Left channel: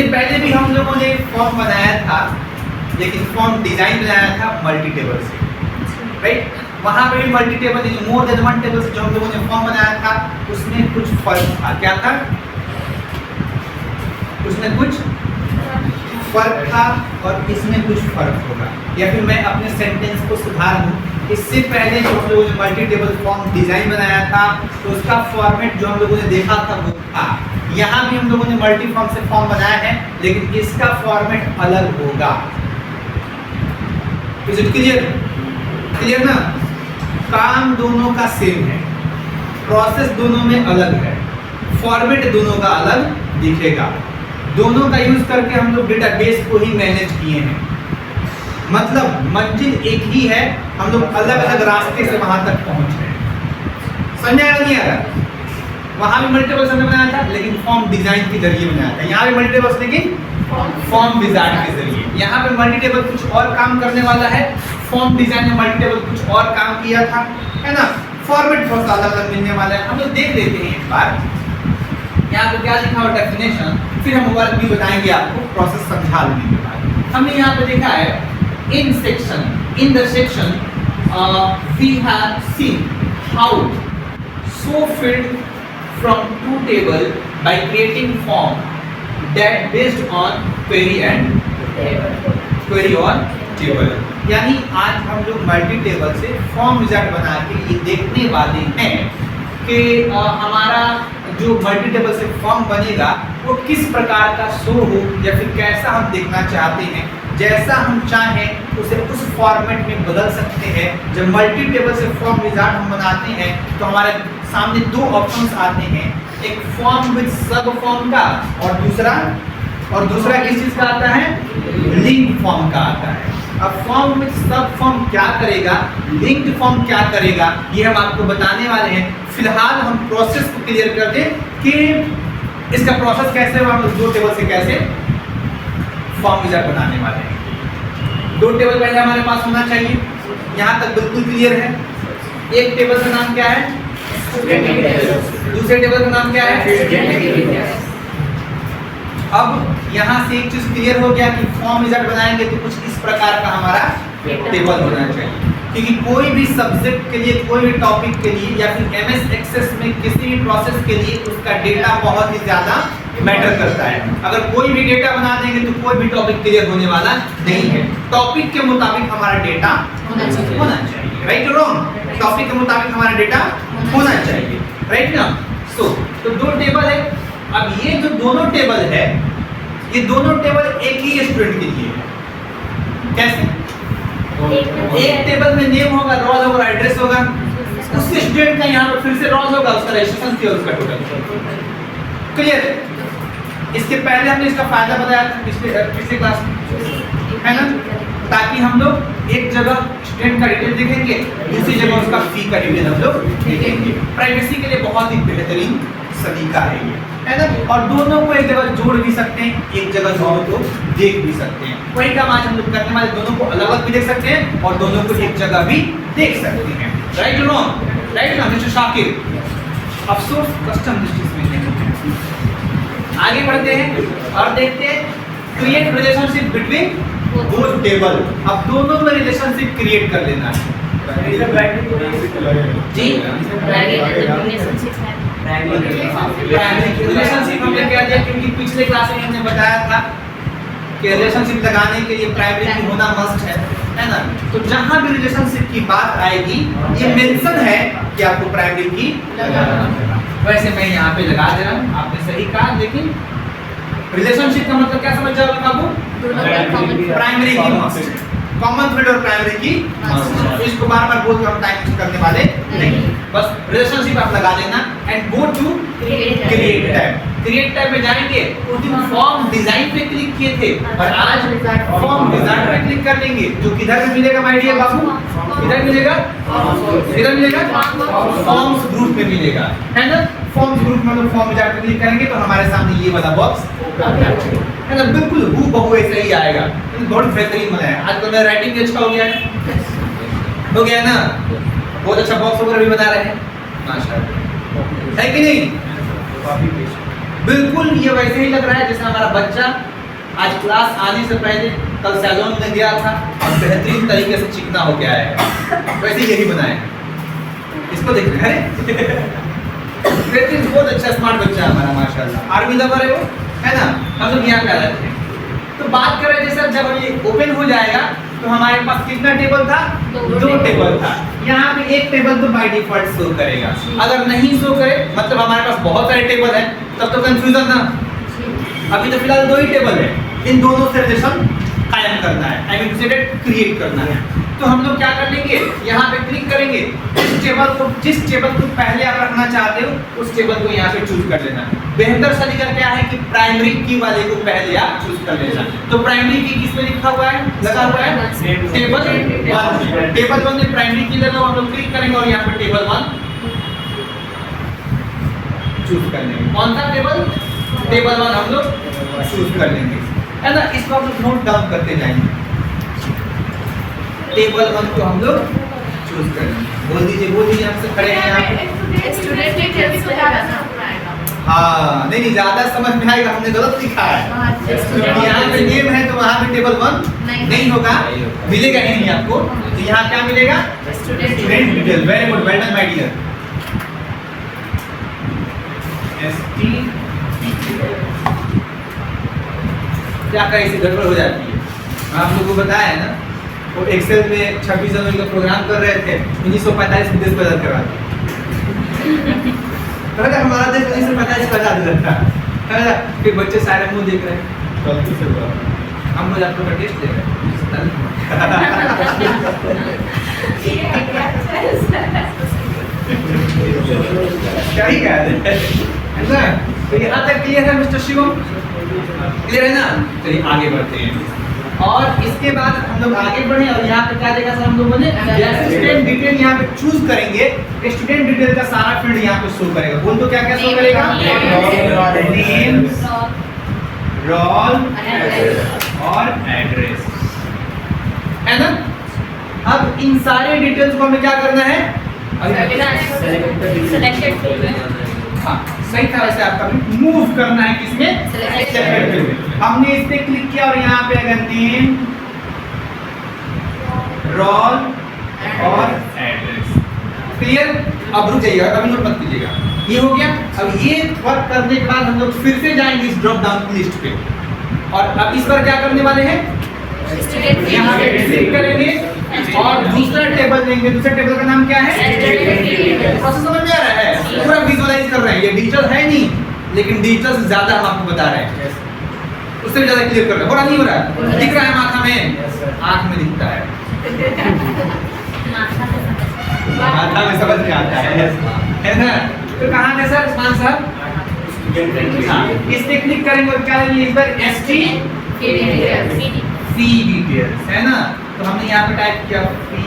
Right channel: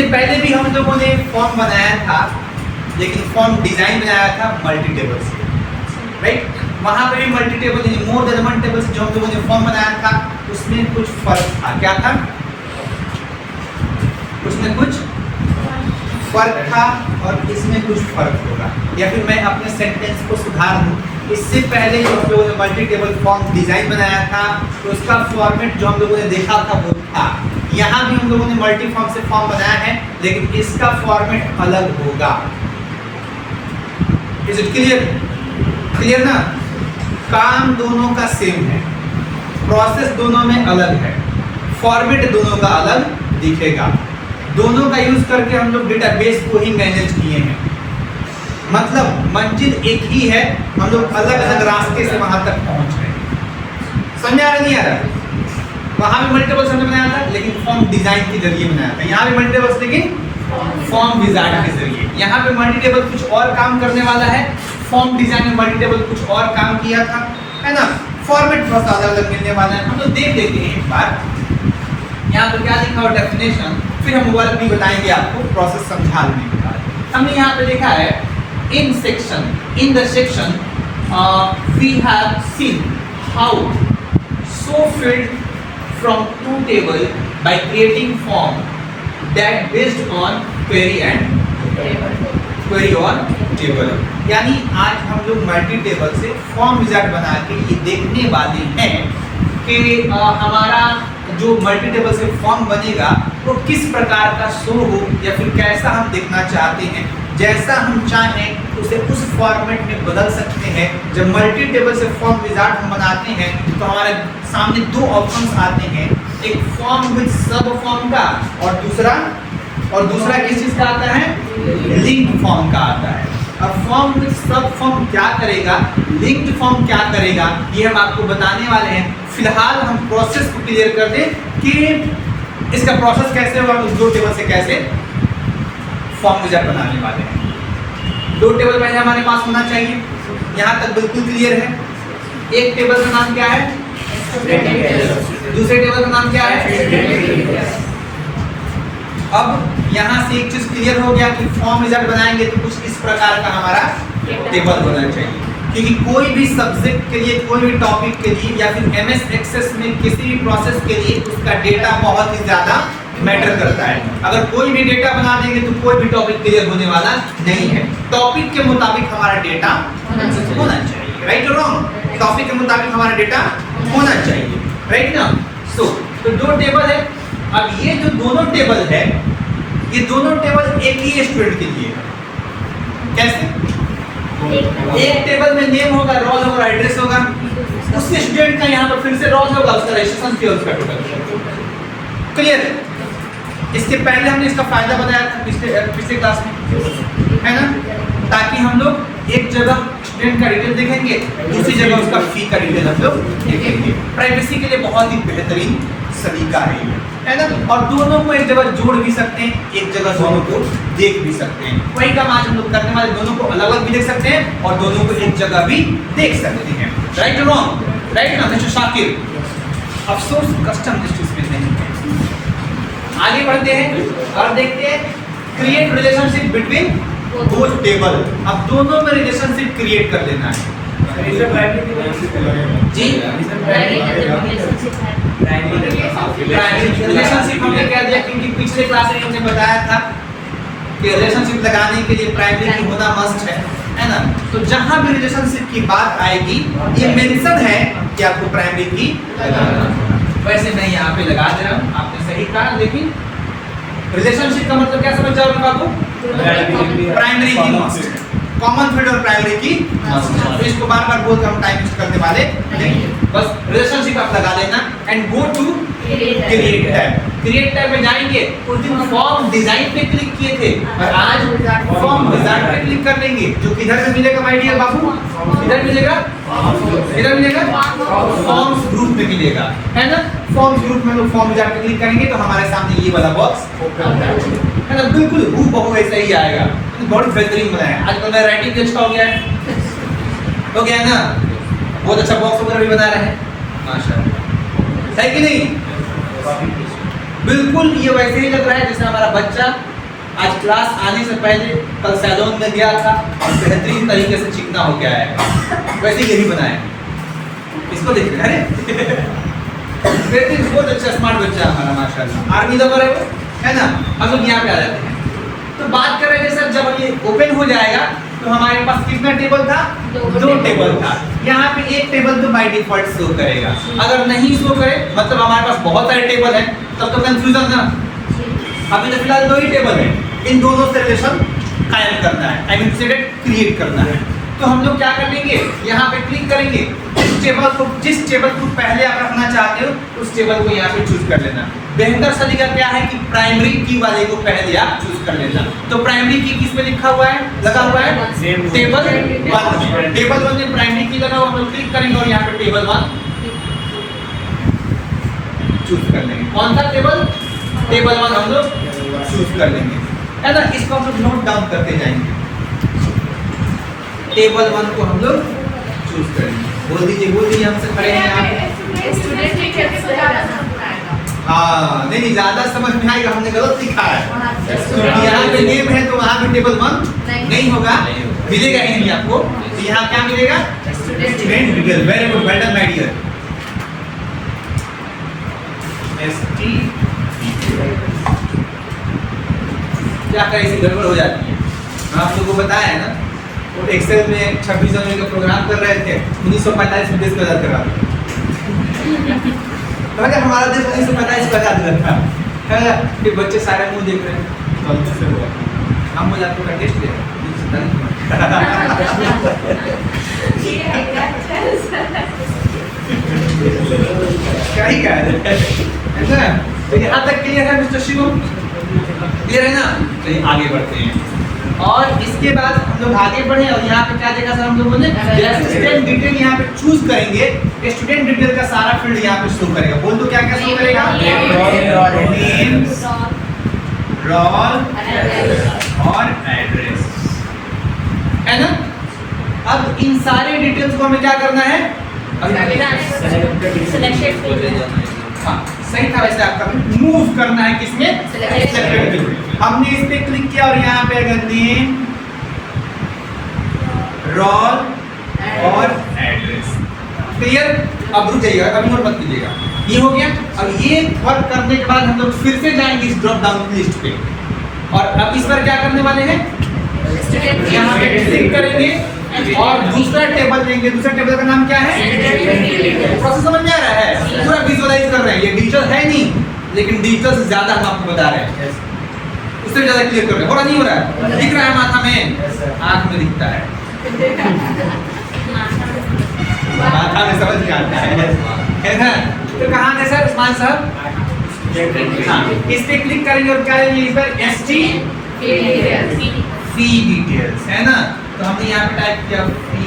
इससे पहले भी हम लोगों ने फॉर्म बनाया था, लेकिन फॉर्म डिजाइन बनाया था मल्टी टेबल से, राइट। वहां पे भी multi table more than one table से जो हम लोगों ने फॉर्म बनाया था उसमें कुछ फर्क था। क्या था? उसमें कुछ फर्क था और इसमें कुछ फर्क होगा। या फिर मैं अपने सेंटेंस को सुधार दूं, इससे पहले जो हम लोगों ने मल्टी टेबल फॉर्म डिजाइन बनाया था तो उसका फॉर्मेट जो हम लोगों ने देखा था वो था। यहाँ भी हम लोगों ने मल्टी फॉर्म से फॉर्म बनाया है, लेकिन इसका फॉर्मेट अलग होगा। Is it clear? क्लियर ना? काम दोनों का सेम है, प्रोसेस दोनों में अलग है, फॉर्मेट दोनों का अलग दिखेगा। दोनों का यूज करके हम लोग डेटाबेस को ही मैनेज किए हैं। मतलब मंजिल एक ही है, हम लोग अलग अलग रास्ते से वहां तक पहुंच रहे हैं। समझ आ रहा नहीं आ रहा? वहां भी मल्टीपल हमने बनाया था लेकिन फॉर्म डिजाइन के जरिए बनाया था। यहाँ भी मल्टीपल लेकिन फॉर्म डिजाइन के जरिए। यहाँ पे मल्टीटेबल कुछ और काम करने वाला है, फॉर्म डिजाइन में मल्टीटेबल कुछ और काम किया था, है ना। फॉर्मेट थोड़ा सा अलग अलग मिलने वाला है। हम लोग देख लेते हैं एक बार यहाँ पे क्या लिखा हुआ डेफिनेशन, फिर हम वर्क भी बताएंगे आपको, प्रोसेस समझा लेने के बाद। हमने यहाँ पे देखा है in the section we have seen how so field from two table by creating form that based on query on table। यानी आज हम लोग मल्टी टेबल से फॉर्म विजार्ड बना के ये देखने वाले हैं कि हमारा जो मल्टी टेबल से फॉर्म बनेगा वो किस प्रकार का शो हो या फिर कैसा हम देखना चाहते हैं। जैसा हम चाहें उसे उस फॉर्मेट में बदल सकते हैं। जब मल्टी टेबल से फॉर्म विजार्ड हम बनाते हैं तो हमारे सामने दो ऑप्शंस आते हैं, एक फॉर्म विद सब फॉर्म का और दूसरा किस चीज का आता है? लिंक्ड फॉर्म का आता है। अब फॉर्म विद सब फॉर्म क्या करेगा, लिंक्ड फॉर्म क्या करेगा, ये हम आपको बताने वाले हैं। फिलहाल हम प्रोसेस को क्लियर कर दें कि इसका प्रोसेस कैसे होगा, हम दो टेबल से कैसे फॉर्म विजार्ड बनाने वाले हैं। दो टेबल पहले हमारे पास होना चाहिए, यहाँ तक बिल्कुल क्लियर है। एक टेबल का नाम क्या है? दूसरे टेबल का नाम क्या है? अब यहाँ से एक चीज क्लियर हो गया कि फॉर्म विजार्ड बनाएंगे तो कुछ इस प्रकार का हमारा टेबल होना चाहिए, क्योंकि कोई भी सब्जेक्ट के लिए, कोई भी टॉपिक के लिए या फिर एमएस एक्सेस में किसी भी प्रोसेस के लिए उसका डेटा बहुत ही ज्यादा मैटर करता है। अगर कोई भी डेटा बना देंगे तो कोई भी टॉपिक क्लियर होने वाला नहीं है। टॉपिक के मुताबिक हमारा डेटा होना चाहिए, राइट और रॉन्ग? टॉपिक के मुताबिक हमारा डेटा होना चाहिए, राइट ना। तो दो टेबल है। अब ये जो दोनों टेबल है, ये दोनों टेबल एक ही स्टूडेंट के लिए है। कैसे? एक टेबल में नेम होगा, रोल होगा, एड्रेस होगा, उस स्टूडेंट का यहाँ पर फिर से रोल होगा, उसका रजिस्ट्रेशन फी और उसका टोटल। क्लियर? इसके पहले हमने इसका फायदा बताया था पिछले क्लास में, है ना, ताकि हम लोग एक जगह स्टूडेंट का डिटेल देखेंगे, दूसरी जगह उसका फी का डिटेल हम लोग देखेंगे। प्राइवेसी के लिए बहुत ही बेहतरीन सलीका है ना। और दोनों को एक जगह जोड़ भी सकते हैं, एक जगह दोनों को देख भी सकते हैं। वही काम आज हम लोग करने वाले, दोनों को अलग अलग भी देख सकते हैं और दोनों को एक जगह भी देख सकते हैं, राइट और रॉन्ग? राइट ना मिस्टर शाकिर? अफसोस कस्टम लिस्ट में नहीं है। आगे बढ़ते हैं और देखते हैं create relationship between both table. अब दोनों में रिलेशनशिप क्रिएट कर लेना है जी। रिलेशनशिप हमने कह दिया क्योंकि पिछले क्लास में हमने बताया था कि रिलेशनशिप लगाने के लिए प्राइमरी की होना मस्ट है ना। तो जहां भी रिलेशनशिप की बात आएगी ये मेंशन है कि आपको प्राइमरी की लगाना है। वैसे मैं यहाँ पे लगा दे रहा हूँ, आपने सही कहा, लेकिन रिलेशनशिप का मतलब क्या समझ जाओगे बाबू? प्राइमरी की मस्ट, कॉमन फील्ड और प्राइमरी की मस्ट। इसको बार बार बोलकर हम टाइम वेस्ट करने वाले नहीं, बस रिलेशनशिप आप लगा देना and go to create tab. Create tab में जाएंगे, उस दिन फॉर्म डिजाइन पे क्लिक किए थे और आज फॉर्म विजार्ड पे क्लिक कर लेंगे, जो किधर में मिलेगा माय डियर बाबू? इधर मिलेगा, इधर मिलेगा, फॉर्म्स ग्रुप में मिलेगा, है ना। फॉर्म्स ग्रुप में लोग फॉर्म विजार्ड पे क्लिक करेंगे तो हमारे सामने ये वाला बॉक्स ओपन है ना, बिल्कुल हूबहू ऐसा ही आएगा। बहुत बेहतरीन बनाया, आजकल मेरा राइटिंग भी अच्छा हो गया है ना, बहुत अच्छा बॉक्स वगैरह भी बना रहे हैं माशाल्लाह, है कि नहीं? बिल्कुल ये वैसे ही लग रहा है जैसे हमारा बच्चा आज क्लास आने से पहले कल सैलून में गया था और बेहतरीन तरीके से चिकना हो गया है, वैसे यही बनाए। इसको देखिए, अरे बेहतरीन, बहुत अच्छा स्मार्ट बच्चा है हमारा माशाल्लाह, आर्मी लवर है वो, है ना। हम लोग यहाँ पे आ जाते हैं तो बात कर रहे थे सर, जब ये ओपन हो जाएगा तो हमारे पास कितना टेबल था? 2 टेबल था। यहाँ पे एक टेबल तो बाय डिफॉल्ट शो करेगा, अगर नहीं शो करे मतलब हमारे पास बहुत सारे टेबल है, तब तो कंफ्यूजन ना। अभी तो फिलहाल 2 ही टेबल है, इन दोनों से रिलेशन कायम करना है, आई मीन सेट क्रिएट करना है। तो हम लोग क्या कर लेंगे, यहाँ पे क्लिक करेंगे, जिस टेबल को पहले आप रखना चाहते हो उस टेबल को यहाँ पे चूज कर लेना। बेहतर तरीका क्या है कि प्राइमरी की वाले को पहले आप चूज कर लेना। तो प्राइमरी की किस पे लिखा हुआ है, लगा हुआ है टेबल 1। टेबल 1 में प्राइमरी की लगा हुआ, हम लोग क्लिक करेंगे और यहाँ पे टेबल 1 चूज कर लेंगे। कौन सा टेबल? टेबल 1 हम लोग चूज कर लेंगे, है ना। इसको हम लोग नोट डाउन करते जाएंगे। टेबल 1 को हम लोग चूज करेंगे। बोल दीजिए हमसे खड़े हैं यहाँ पे। हाँ, नहीं ज्यादा समझ में आएगा, हमने गलत लिखा है क्योंकि यहाँ पे नेम है तो वहाँ पे टेबल 1 नहीं होगा, मिलेगा ही नहीं आपको। तो यहाँ क्या मिलेगा? Student detail. Very good, well done my dear. ST क्या कहीं से गड़बड़ हो जाती है, आप लोगों को बताया है ना। वो एक्सेल में 26 जनवरी का प्रोग्राम कर रहे थे, 1945 में देश को आजाद करा तो अगर हमारा देश 1945 को आजाद हुआ था, है ना। फिर बच्चे सारे मुंह देख रहे हैं, गलती से हुआ, हम बोले आपका टेस्ट ले क्या ही कह रहे हैं ना। तो यहाँ तक क्लियर है मिस्टर शिवम? क्लियर है ना। चलिए आगे बढ़ते हैं और इसके बाद हम लोग आगे बढ़े और यहाँ पे क्या देखा सर हम लोगों ने, जैसे स्टूडेंट डिटेल यहाँ पे चूज करेंगे, स्टूडेंट डिटेल का सारा फील्ड यहाँ पे शो करेगा। बोल दो क्या क्या शो करेगा? नेम, रोल और एड्रेस, है ना। अब इन सारे डिटेल्स को हमें क्या करना है? हाँ सही था वैसे, आपका मूव करना है किसमें? सिलेक्टेड व्यू में। हमने इस पे क्लिक किया और यहाँ पे अगर नेम, रोल और एड्रेस, क्लियर। अब रुक जाइएगा, अभी नोट मत कीजिएगा, ये हो गया। अब ये वर्क करने के बाद हम लोग फिर से जाएंगे इस ड्रॉप डाउन लिस्ट पे और अब इस पर क्या करने वाले हैं? यहाँ पे क्लिक करेंगे और दूसरा टेबल लेंगे। दूसरा टेबल का नाम क्या है? प्रोसेस समझ में आ रहा है? पूरा विजुअलाइज कर रहे हैं। ये डिजिटल है नहीं, लेकिन डिजिटल से ज्यादा हम आपको बता रहे हैं, उससे ज्यादा क्लियर कर रहे हैं। हो रहा नहीं हो रहा है? दिख रहा है माथा में? आंख में दिखता है, माथा में समझ में आता है ना। तो कहाँ है सर उस्मान साहब? इस पे क्लिक करेंगे और क्या लेंगे इस बार? ST फी डिटेल्स, है ना। तो हमने यहाँ पे टाइप किया फी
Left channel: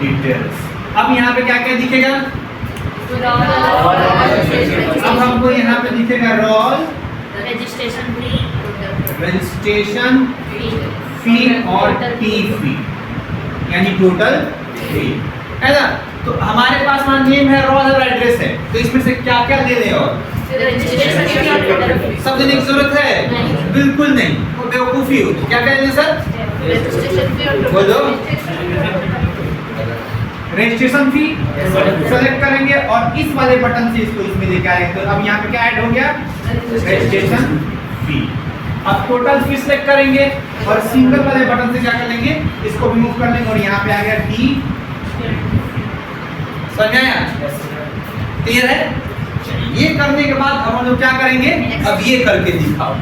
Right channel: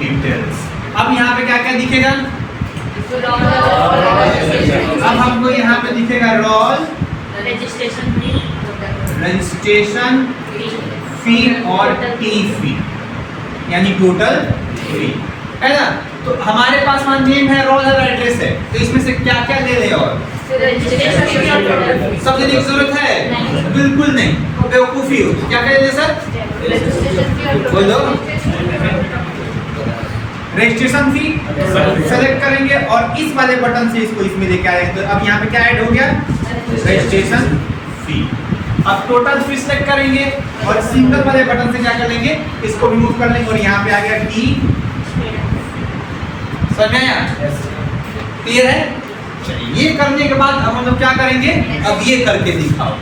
डिटेल्स। अब यहाँ पे क्या क्या दिखेगा? अब हमको यहाँ पे दिखेगा रोल, रजिस्ट्रेशन फी और टी फी, यानी टोटल फी, है ना। तो हमारे पास वहाँ नेम है, रोल और एड्रेस है, तो इसमें से क्या क्या ले लें? और सब लेने की जरूरत है? बिल्कुल नहीं, बेवकूफी हो। क्या कहेंगे सर? बोलो। रजिस्ट्रेशन फी सेलेक्ट करेंगे और इस वाले बटन से इसको इसमें लेके आएंगे। तो अब यहाँ पे क्या ऐड हो गया? Registration fee. अब टोटल फी सेलेक्ट करेंगे और सिंगल वाले बटन से क्या कर लेंगे? इसको रिमूव कर लेंगे और यहाँ पे आ गया टी। समझ में आया? क्लियर है? ये करने के बाद अब हम लोग क्या करेंगे? अब ये करके दिखाओ,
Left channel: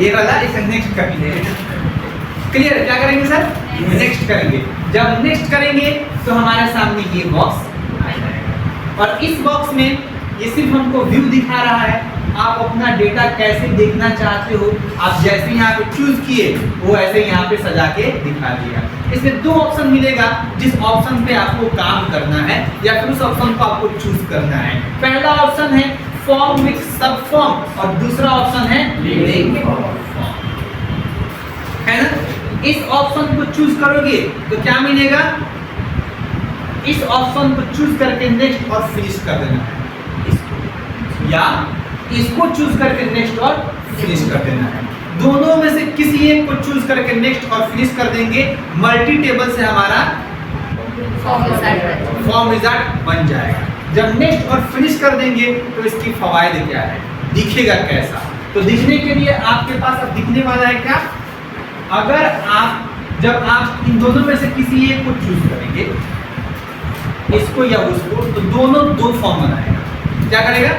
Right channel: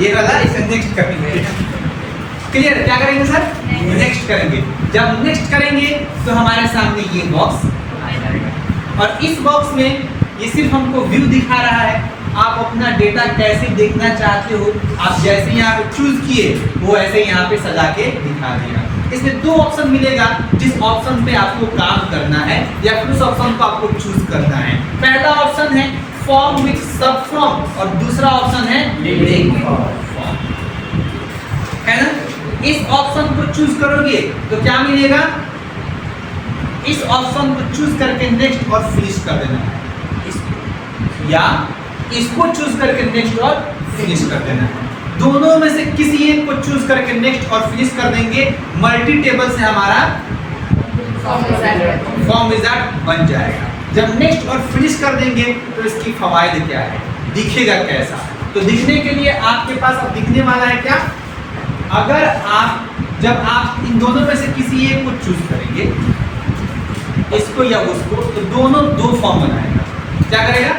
ये वाला इसे नेक्स्ट करेंगे। क्लियर है? क्या करेंगे सर? नेक्स्ट करेंगे। जब नेक्स्ट करेंगे तो हमारे सामने ये बॉक्स आ जाएगा और इस बॉक्स में ये सिर्फ हमको व्यू दिखा रहा है। आप अपना डेटा कैसे देखना चाहते हो, आप जैसे यहाँ पे चूज किए वो ऐसे यहाँ पे सजा के दिखा दिया। इसमें 2 ऑप्शन मिलेगा, जिस ऑप्शन पे आपको काम करना है या फिर उस ऑप्शन को आपको चूज करना है। पहला ऑप्शन है फॉर्म विथ सब फॉर्म और दूसरा ऑप्शन है लिंक फॉर्म, है ना। इस ऑप्शन को चूज करोगे तो क्या मिलेगा? इस ऑप्शन को चूज करके नेक्स्ट और फिनिश कर देना है। या इसको चूज करके नेक्स्ट और फिनिश कर देना है। दोनों में से किसी एक को चूज करके नेक्स्ट और फिनिश कर देंगे, मल्टी टेबल से हमारा फॉर्म विजार्ड बन जाएगा। जब नेक्स्ट और फिनिश कर देंगे तो इसकी फवायद क्या है, दिखेगा कैसा? तो दिखने के लिए आपके पास अब दिखने वाला है क्या, अगर आप जब आप इन दोनों में से किसी एक को चूज करेंगे, इसको या उसको, तो दोनों दो फॉर्म बनाएगा। क्या करेगा?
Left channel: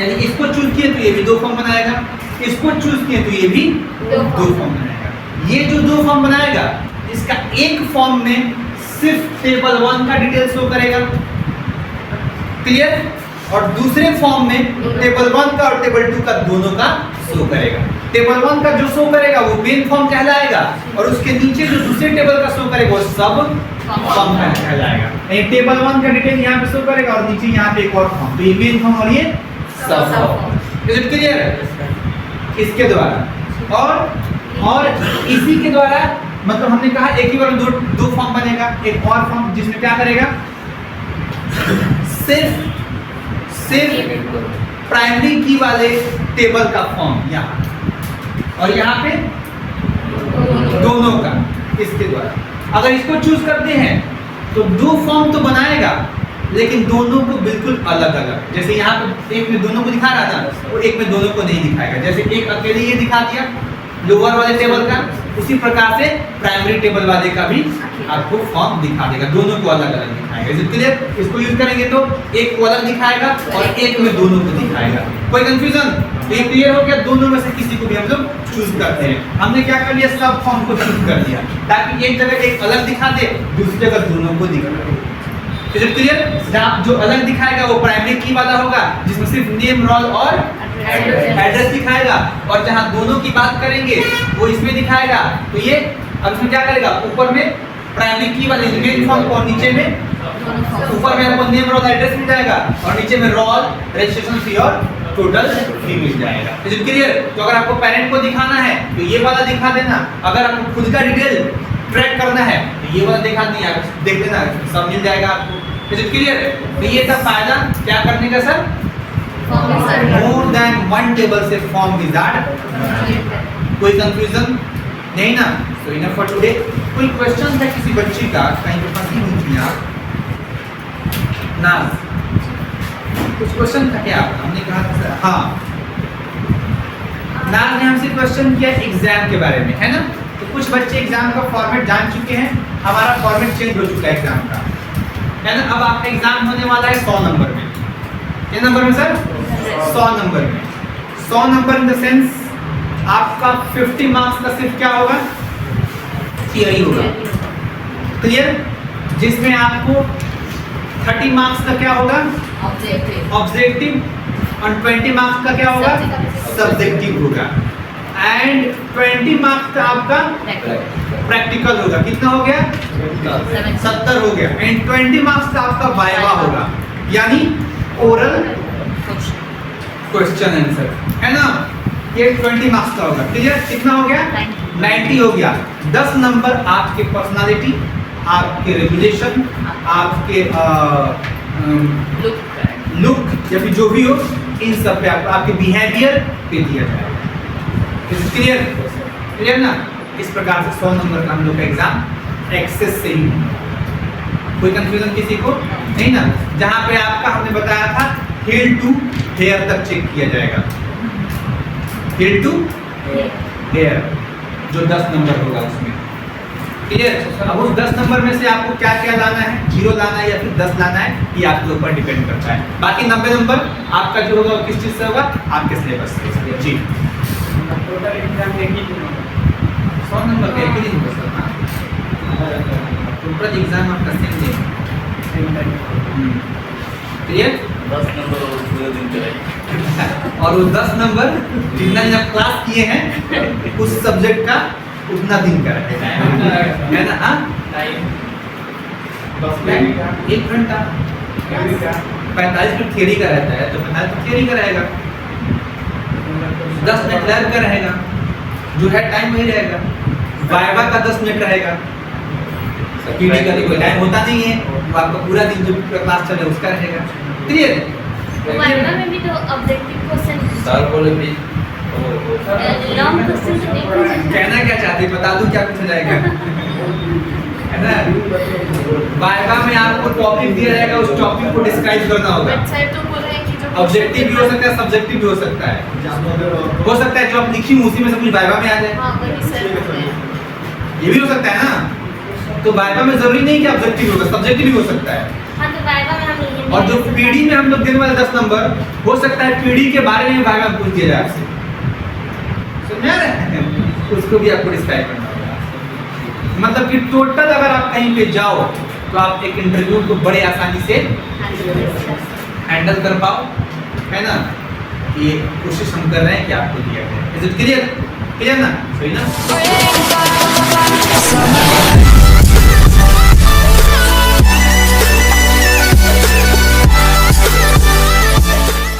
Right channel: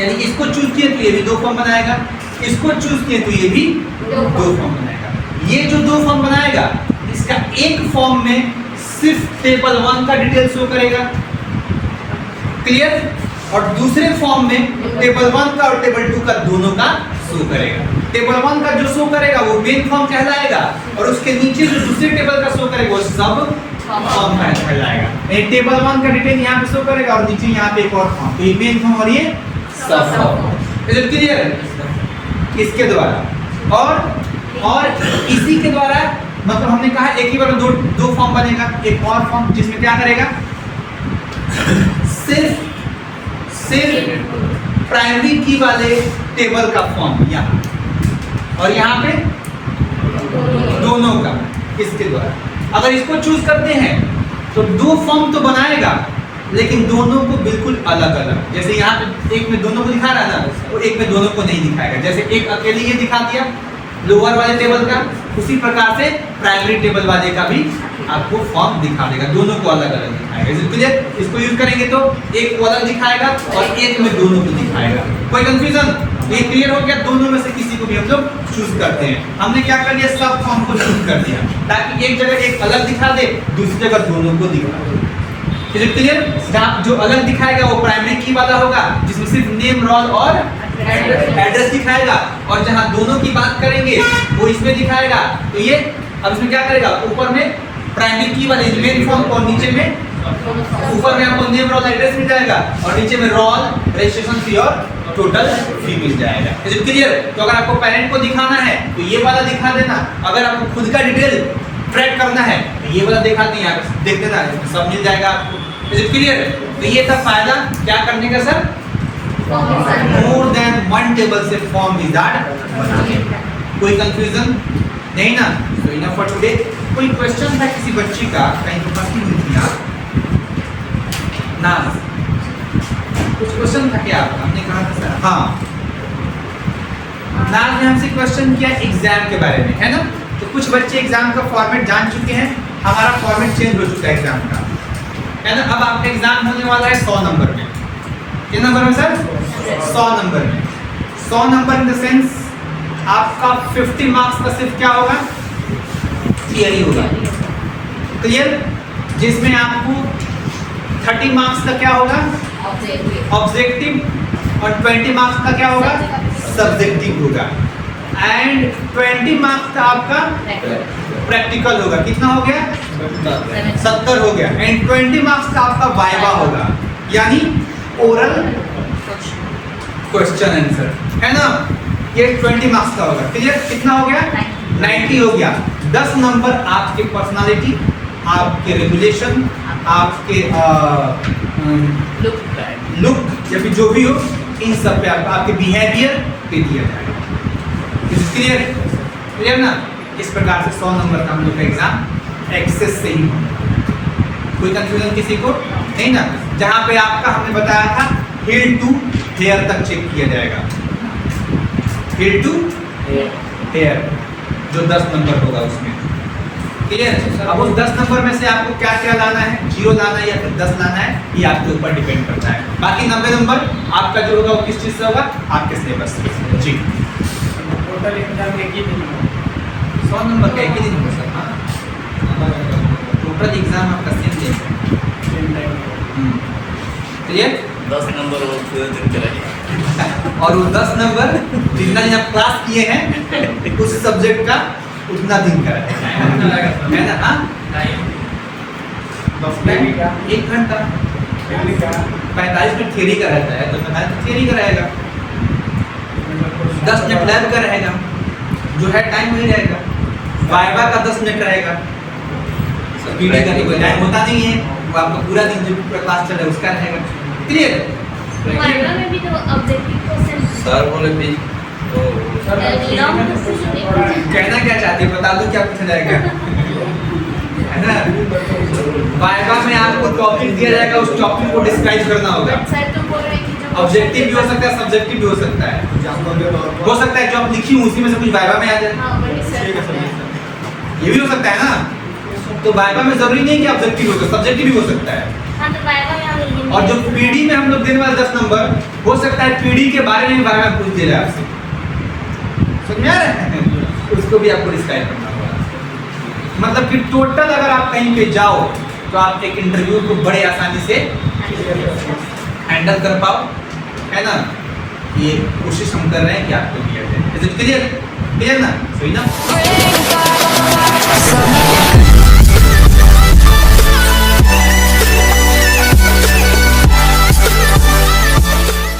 यानी इसको चूज किए तो ये भी दो फॉर्म बनाएगा, इसको चूज किए तो ये भी दो फॉर्म बनाएगा। ये जो दो फॉर्म बनाएगा, इसका एक फॉर्म में सिर्फ टेबल 1 का डिटेल शो करेगा, क्लियर? और दूसरे फॉर्म में टेबल 1 का और टेबल 2 का दोनों का शो करेगा। टेबल 1 का जो शो करेगा वो मेन फॉर्म कहलाएगा, और उसके नीचे जो दूसरे टेबल का शो करेगा वो सब फॉर्म कहलाएगा। टेबल 1 का डिटेल यहाँ पे शो करेगा और नीचे यहाँ पे एक और फॉर्म, तो ये मेन फॉर्म और ये सब फॉर्म। Is it clear? इसके द्वारा और इसी के द्वारा, मतलब हमने कहा एक ही बार में दो फॉर्म बनेगा। एक और फॉर्म जिसमें क्या करेगा, सिर्फ प्राइमरी की वाले टेबल का फॉर्म यहाँ, और यहाँ पे दोनों का, इसके द्वारा। अगर इसको चूज करते हैं तो दो फॉर्म तो बनाएगा, लेकिन दोनों को बिल्कुल अलग अलग। जैसे यहाँ पे एक में दोनों को दिखा रहा था, वो एक में दोनों को नहीं दिखाएगा। जैसे एक अकेले ये दिखा दिया लोअर वाले टेबल का, उसी प्रकार से प्राइमरी टेबल वाले का भी आपको फॉर्म दिखा देगा, दोनों को अलग अलग दिखाएगा। इसलिए इसको यूज करेंगे तो एक को अलग दिखाएगा और एक में दोनों को दिखाएगा। कोई कंफ्यूजन? ये क्लियर हो गया? दोनों में से किसी को भी हम लोग चूज करते हैं। हमने क्या कर लिया, सब फॉर्म को चूज कर दिया, ताकि एक जगह एक अलग दिखा दे, दूसरी जगह दोनों को दिखा दे। Is it clear? जो अलग दिखाएगा वो प्राइमरी की वाला होगा, जिसमें सिर्फ नेम, रोल और एड्रेस दिखाएगा, और जहां दोनों की बात करेंगे वो इसमें दिखाएगा। तो ये अब इसमें क्या करेगा, ऊपर में प्राइमरी की वाले मेन फॉर्म और नीचे में, ऊपर में आपको नेम, रोल, एड्रेस मिल जाएगा, और नीचे में रोल, रजिस्ट्रेशन फी और टोटल फी मिल जाएगा। Is it clear? तो अगर आपको पेरेंट को दिखाना है तो ये वाला दिखा देना, अगर आपको खुद का डिटेल ट्रैक करना है तो ये वाला दिखा देना, देख देना, सब मिल जाएगा आपको। Is it clear? तो ये था फायदा क्या करने का sir, more than one table से फॉर्म विजार्ड बनाने का। कोई कंफ्यूजन नहीं ना? तो इनफ फॉर टुडे। कोई क्वेश्चन था किसी बच्ची का, कहीं पे फंसी हुई थी आप? नाज, कुछ क्वेश्चन था क्या आपका? हमने कहा था सर, हाँ, नाज ने हमसे क्वेश्चन किया एग्जाम के बारे में, है ना? तो कुछ बच्चे एग्जाम का फॉर्मेट जान चुके हैं, हमारा फॉर्मेट चेंज हो चुका है एग्जाम का, है ना? अब आपका एग्जाम होने वाला है 100 नंबर में। किस नंबर में सर? 100 नंबर में। 100 नंबर इन द सेंस आपका 50 मार्क्स का सिर्फ क्या होगा, थियरी होगा, क्लियर? जिसमें आपको 30 मार्क्स का क्या होगा, ऑब्जेक्टिव, और 20 मार्क्स का क्या होगा, सब्जेक्टिव होगा, एंड 20 मार्क्स का आपका प्रैक्टिकल होगा। कितना हो गया? 70 हो गया। एंड 20 मार्क्स का आपका वाइवा होगा, यानी ओरल क्वेश्चन आंसर, है ना? ये 20 मार्क्स का होगा, क्लियर? कितना हो गया? 90 हो गया। 10 नंबर आपके पर्सनालिटी, आपके रेगुलेशन, आपके लुक या फिर जो भी हो, इन सब पे आपके बिहेवियर पे दिया जाएगा। क्लियर? क्लियर ना? इस प्रकार से 100 नंबर का हम लोग का एग्जाम एक्सेस से ही होगा। कोई कंफ्यूजन किसी को नहीं ना? जहां पे आपका हमने बताया था हिल टू हेयर तक चेक किया जाएगा, हिल टू हेयर, जो 10 नंबर होगा उसमें, क्लियर? अब उस 10 नंबर में से आपको क्या क्या लाना है, 0 लाना है या फिर 10 लाना है, ये आपके ऊपर डिपेंड करता है। बाकी 90 नंबर आपका जो होगा वो किस चीज़ से होगा, आपके सिलेबस से। जी, टोटल एग्जाम एक ही दिन होगा, 100 नंबर का एक ही दिन होगा सर। हाँ, टोटल एग्जाम आपका सेम डे, क्लियर? 10 नंबर और पूरे दिन कराइए। और वो 10 नंबर जितना दिन आप क्लास किए हैं उस सब्जेक्ट का उतना दिन का है ना? हाँ, 1 घंटा 45 मिनट थियरी का रहता है, तो 45 मिनट थियरी का रहेगा, 10 मिनट लैब का रहेगा, जो है टाइम वही रहेगा। वाइवा का 10 मिनट रहेगा, पीडी का कोई टाइम होता नहीं है, वो आपका पूरा दिन जो क्लास चले उसका रहेगा, क्लियर? वाइवा में भी तो ऑब्जेक्टिव क्वेश्चन सर बोले भी लॉन्ग क्वेश्चन नहीं पूछे। कहना क्या चाहती है बता दूं क्या पूछा जाएगा है ना वाइवा में आपको टॉपिक दिया जाएगा उस टॉपिक को डिस्क्राइब करना होगा सर जो बोल रहे हैं कि जो ऑब्जेक्टिव भी हो सकता है सब्जेक्टिव भी हो सकता है हो सकता है जो आप लिखी हूं उसी में से कुछ वाइवा में आ जाए हाँ वही सर ये भी हो सकता है ना तो वाइवा में जरूरी नहीं कि ऑब्जेक्टिव होगा सब्जेक्टिव भी हो सकता है हाँ तो वाइवा में हम हिंदी और जो पीडी में हम लोग देने वाले 10 नंबर हो सकता है पीडी के बारे में वाइवा में पूछ दिया जाए आपसे समझा रहे हैं उसको भी आपको डिस्क्राइब करना होगा मतलब कि टोटल अगर आप कहीं पे जाओ तो आप एक इंटरव्यू को बड़े आसानी से हैंडल कर पाओ है ना ये कोशिश हम कर रहे हैं कि आपको दिया जाए इज इट क्लियर क्लियर ना सही ना